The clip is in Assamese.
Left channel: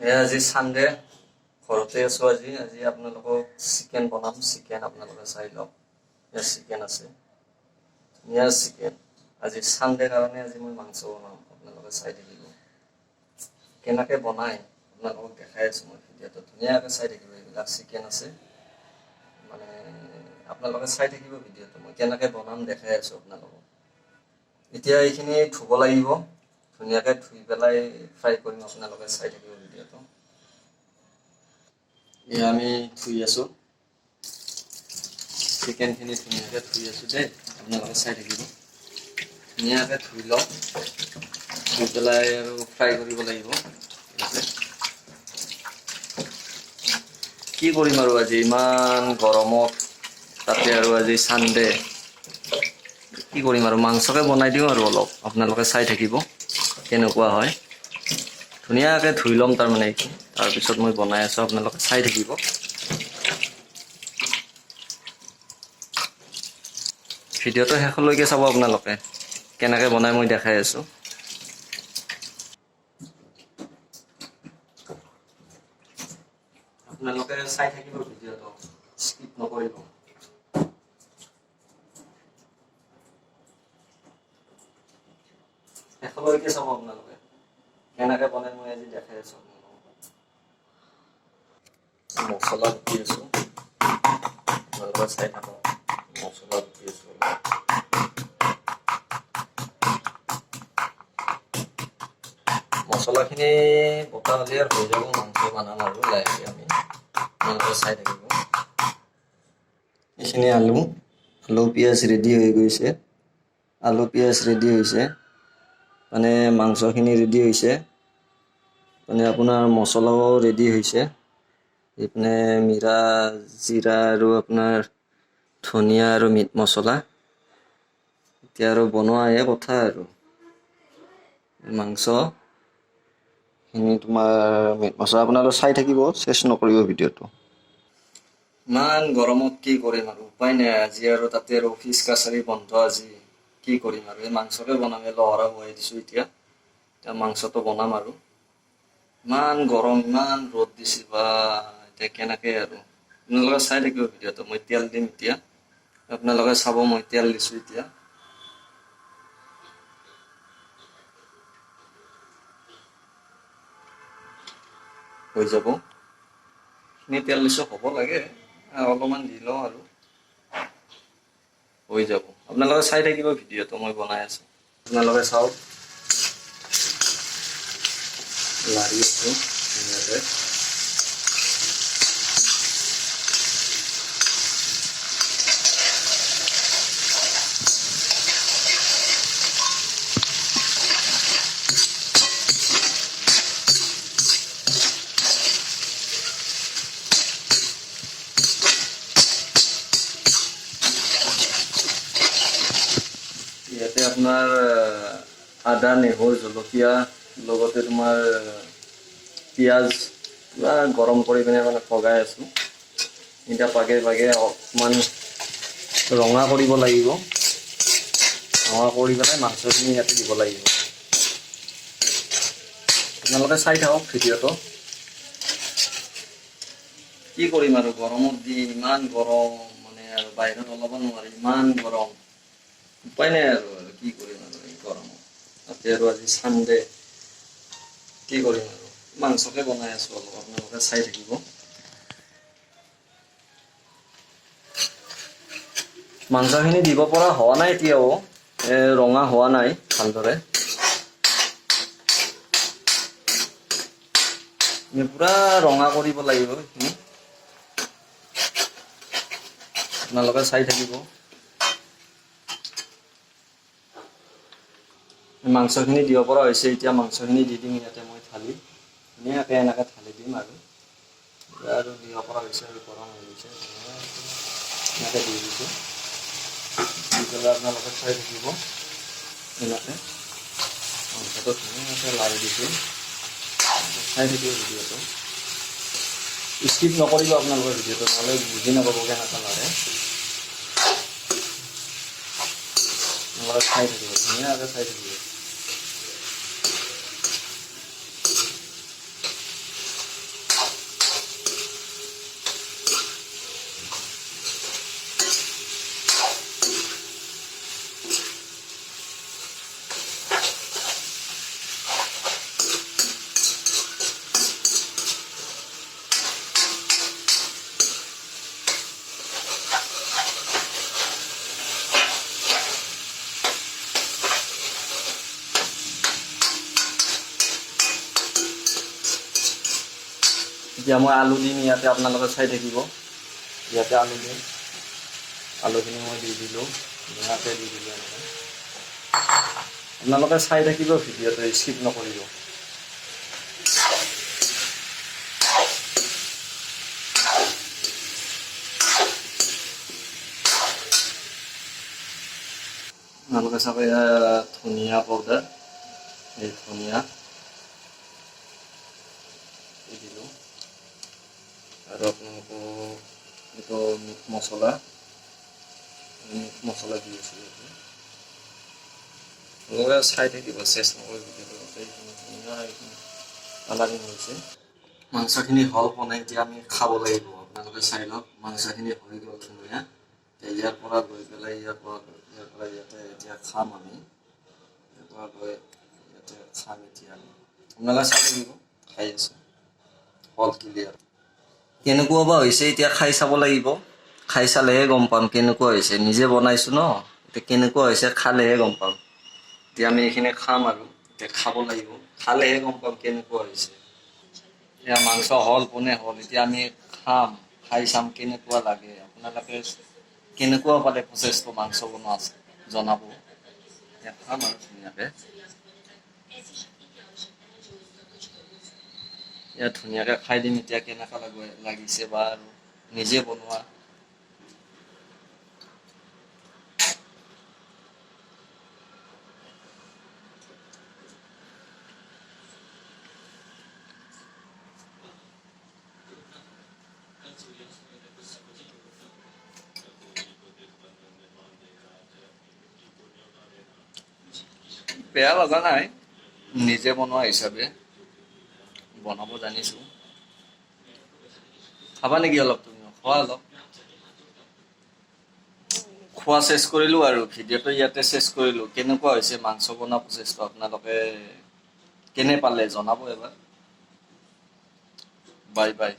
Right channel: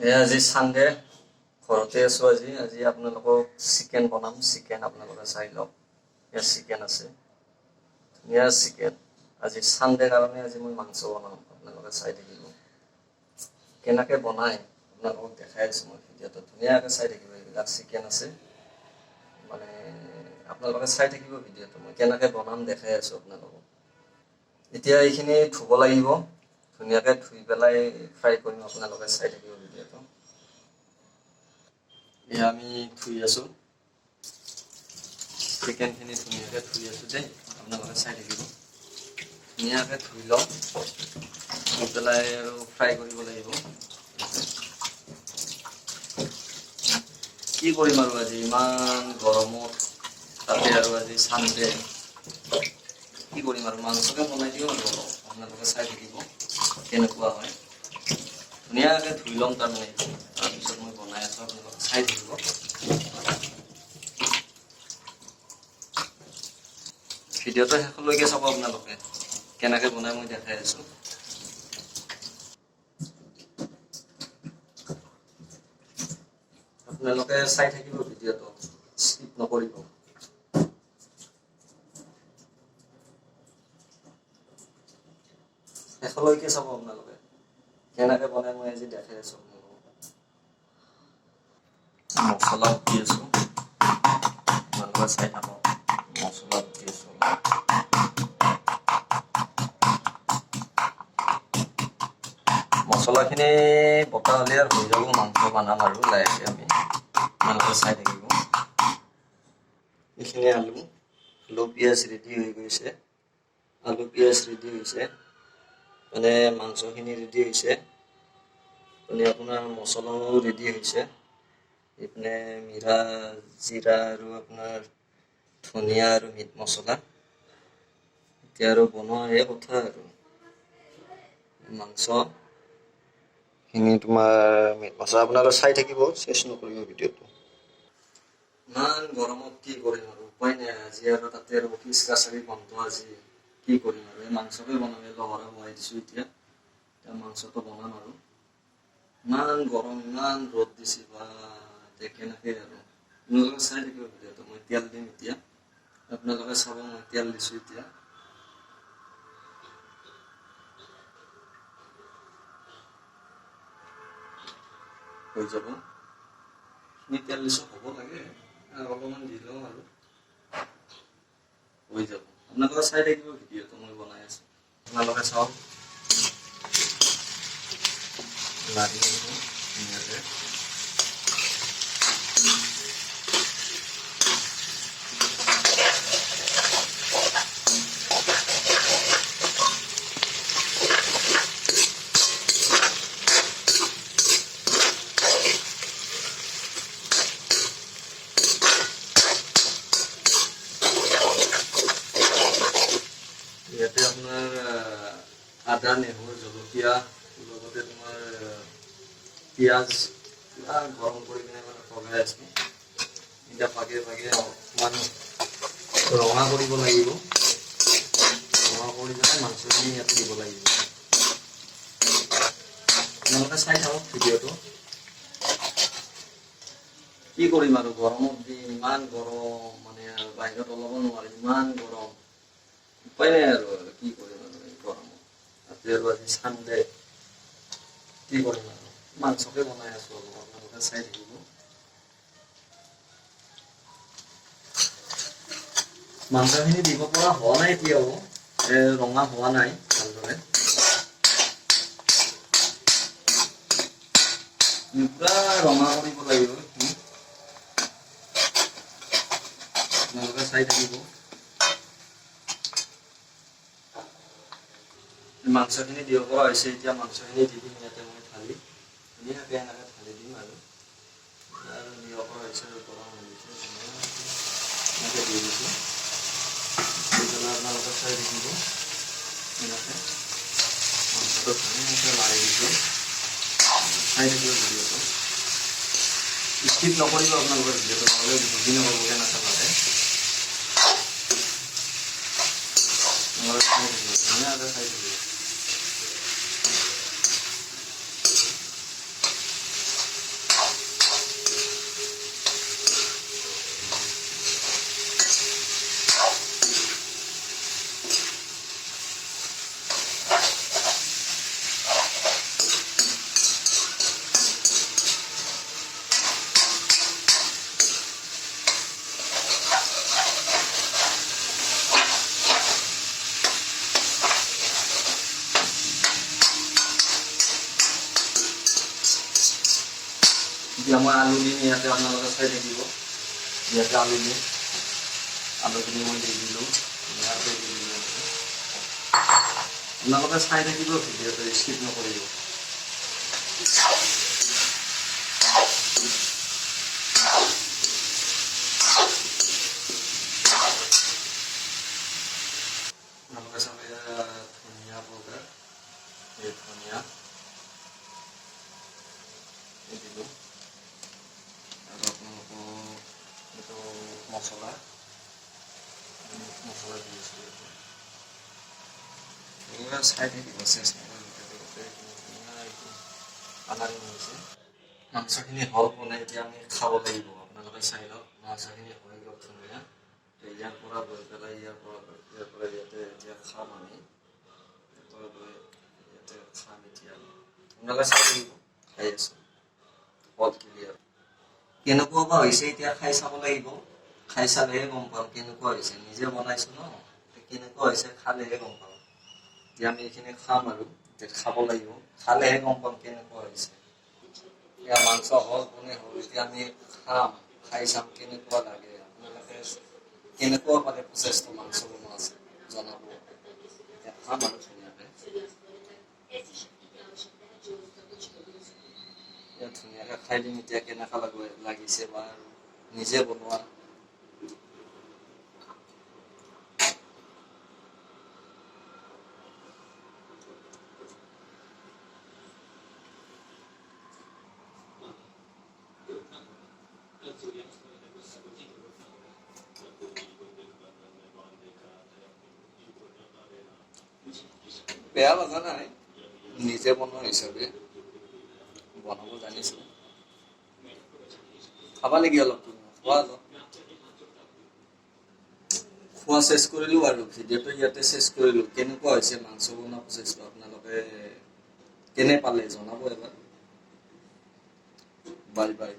আজি সানডে ঘৰতে আছো। আজি আপোনালোকক চিকেন বনাম। চিকেন আপোনালোকে চাই লওক, ইয়াত চিকেন আছে, ধুনীয়া চিকেন। আজি সানডে কাৰণে আজি মই মাংস বনাম, আপোনালোকে চাই থাকিব। কেনেকৈ বনাই আপোনালোকক দেখাই আছো মই ভিডিঅ'টো, ধুনীয়াকৈ চাই থাকিব। এইবিলাক চিকেন আছে, মানে আপোনালোকে চাই থাকিব ভিডিঅ'টো, মই কেনেকৈ বনাম দেখাই আছো আপোনালোকক। এতিয়া এইখিনি ধুব লাগিব, ধুনীয়াকৈ ধুই পেলাই ফ্ৰাই কৰিম, আপোনালোকে চাই থাকিব ভিডিঅ'টো। এয়া আমি ধুই আছো, চিকেনখিনি ধুনীয়াকৈ ধুই আছো দেই, আপোনালোকে চাই থাকিব। ধুনীয়াকৈ ধুই লওক, ধুই পেলাই আৰু ফ্ৰাই কৰিব লাগিব। কি কৰিম আৰু আজি ইমান গৰমত, তাতে আৰু আজি সানডে, কি কৰিম আৰু মাংসকে বনাই দিওঁ আৰু অলপ, আপোনালোকে চাই থাকিব কেনেকুৱা হয়। ধুনীয়াকৈ ধুই ল'ম তাৰমানে এইখিনি, তাৰপিছত মই বনাই আছোঁ, আপোনালোকে চাই থাকিব। ভিডিঅ'টো শেষলৈকে চাব আপোনালোকে, কেনেকৈ বনাই মই দেখাই আছোঁ। আপোনালোকে চাই থাকিব ভিডিঅ'টো, স্কিপ নকৰিব। শেষলৈকে চাব আপোনালোকে, কেনেকৈ বনাই মই আজি দেখাই আছোঁ আপোনালোকক। মছলা দি আছোঁ, আপোনালোকে চাই থাকক। মছলা দি আছোঁ, মছলাখিনি বটা হ'লে আৰু হৈ যাব, মাংস বনাম আৰু লাহেকৈ আমি, আপোনালোকে চাই থাকিব। এইখিনি আলু পিঁয়াজ ৰেডি হৈ গৈছে, আলু পিঁয়াজ ৰেডি হৈছে, মানে মাংসখিনি ৰেডি হৈছে, মানে আপোনাৰ মছলাও ৰেডি হৈছে। এইপিনে মিৰা, জিৰা আৰু আপোনাৰ ধনিয়া আৰু মিট মছলা। এতিয়া আৰু বনোৱাহে কথা আৰু মাংসখিনি তোমাৰ মিট মছলা, আপোনালোকে চাই থাকিব, চেছ নকৰিব ভিডিঅ'টো। ইমান গৰমত কি কৰিম আৰু উপায় নাই। আজি আৰু তাতে আৰু অফিচ কাছাৰী বন্ধ আজি, কি কৰিম আৰু এই মাংসকে বনাম। লহৰা বহাই দিছোঁ, এতিয়া মাংসটো বনাম আৰু। ইমান গৰম, ইমান ৰ'দ দিছে বা, এতিয়া কেনেকৈ আৰু আপোনালোকে চাই থাকিব ভিডিঅ'টো। মই তেল দিম এতিয়া, আপোনালোকে চাব, মই তেল দিছোঁ এতিয়া। হৈ যাব, এইখিনি তেল দিছোঁ, হ'ব লাগে, অলপমান দি লওঁ আৰু হৈ যাব। আপোনালোকে চাই থাকিব ভিডিঅ'টো, মই বনাই আছোঁ, আপোনালোকে চাওক। লাৰি আছোঁ ধুনীয়াকৈ। ইয়াতে আপোনাৰ আদা, নেহৰু, জলকীয়া, লগতে তোমাৰ পিঁয়াজ পুৰা গৰম কৰি পিনে মানে পগাই আছোঁ। এতিয়া পাগে পাগে অকণমান ৰঙা কৰিব লাগিব, ৰঙা কৰি পেলাই মাংসখিনি ইয়াতে দিব লাগিব। আপোনালোকে চাই থাকক ভিডিঅ'টো। কি কৰিম আৰু গৰমত দি, ইমান গৰম, মানে আৰু বাহিৰত ওলাব নোৱাৰি, ইমান গৰম, উপায় নাই আৰু কি কৰিম আৰু এই গৰমত। তাতে আৰু আজি সানডে, কি কৰিম আৰু মাংসকে বনাই আছোঁ অলপ, আপোনালোকে চাই থাকিব। মাংসখিনি দিব পৰা হোৱা নাই এতিয়াও, ৰঙা হোৱা নাই ভালদৰে। পুৰা ৰঙা কৰিব লাগিব এইখিনি, আপোনালোকে চাই থাকিব। মাংসখিনি দিব পৰা হৈছে, এতিয়া মাংসখিনি দি দিম ইয়াতে মই ঢালি, ধুনীয়াকৈ এনেকৈ ঢালি দিম আৰু দিব পৰা হৈছে আৰু গৰম হৈ গৈছে, এনেকৈ দি দিছোঁ। দি পেলাই আপোনালোকে চাই থাকিব, এনেকৈ ধুনীয়াকৈ লাৰি দিছোঁ, চাই থাকিব ভিডিঅ'টো, স্কিপ নকৰিব আপোনালোকৰ ভিডিঅ'টো, নহ'লে বুজি নাপাব কেনেকৈ লাগে। আপোনালোকে চাই থাকিব, ধুনীয়াকৈ চাই থাকিব। এতিয়া মই আলু দিম ইয়াতে, আপোনালোকে চাই থাকিব। ইয়াতে আলু দিম, আলুখিনি মই দি দিলোঁ, ধুনীয়াকৈ দি দিলোঁ। আপোনালোকে চাই থাকিব ভিডিঅ'টো, স্কিপ নকৰিব। আপোনালোকে চাব, ধনিয়া পাউডাৰ, এই ধনিয়া দিব, আৰু আপোনালোকৰ এইটো মিট মছলা দি আছোঁ। আপোনালোকে চাই থাকিব, চেষ্ট নকৰিব। কালাৰিং হৈছে, মাংসখিনি হ'ল বনাই, এতিয়া আমি খাব লাগিব। আপোনালোকে চাই লওক, মাংসখিনি হৈ গ'ল ধুনীয়া। ইয়াৰ পৰা গৈ পেলাই ইয়াৰ পৰা ইয়াতে এতিয়া খাম আমি, গৈ ইয়াতে খাম এতিয়া। আপোনালোকে চাই থাকিব, খাই আছোঁ, হ'ল ক্লিয়াৰ। কেনেকুৱা বা হৈছে এতিয়া খাই চাব লাগিব, খাই চালেহে গম পাম কেনেকুৱা হৈছে। নিজে বনাইছোঁ ন, এতিয়া কেনেকুৱা হৈছে খালেহে গম পাম। এতিয়া আমি এইখিনি খাম আৰু এতিয়া খাব লাগিব, খালেহে গম পাম কেনেকুৱা হৈছে। এতিয়া মাংস হ'ল বনে হ'ল, এতিয়া আমি খাম, খাই চাম কেনেকুৱা লাগে। আপোনালোকে কেনেকুৱা পালে প্ৰচেছটো মাংস বনোৱা আছে জনাব। এতিয়া খাম আৰু ধুনীয়াকৈ, ইয়াত ধুনীয়াকৈ খাই দিম। এতিয়া কেনেকুৱা লাগিছে বা আৰু নিজে বনোৱা। বেয়া লগা নাই, নিজে বনোৱা হিচাপে বনাব জানিছোঁ। খাবা নেকি অলপ, তুমি খোৱা অলপ। খোৱা চেছ কৰিলোঁ আৰু ভিডিঅ'টো ইয়াতে চেছ কৰিলোঁ। কেনেকুৱা হৈছে মাংস বনোৱা প্ৰচেছটো আপোনালোকে কেনে পালে জনাব এবাৰ। Bye bye.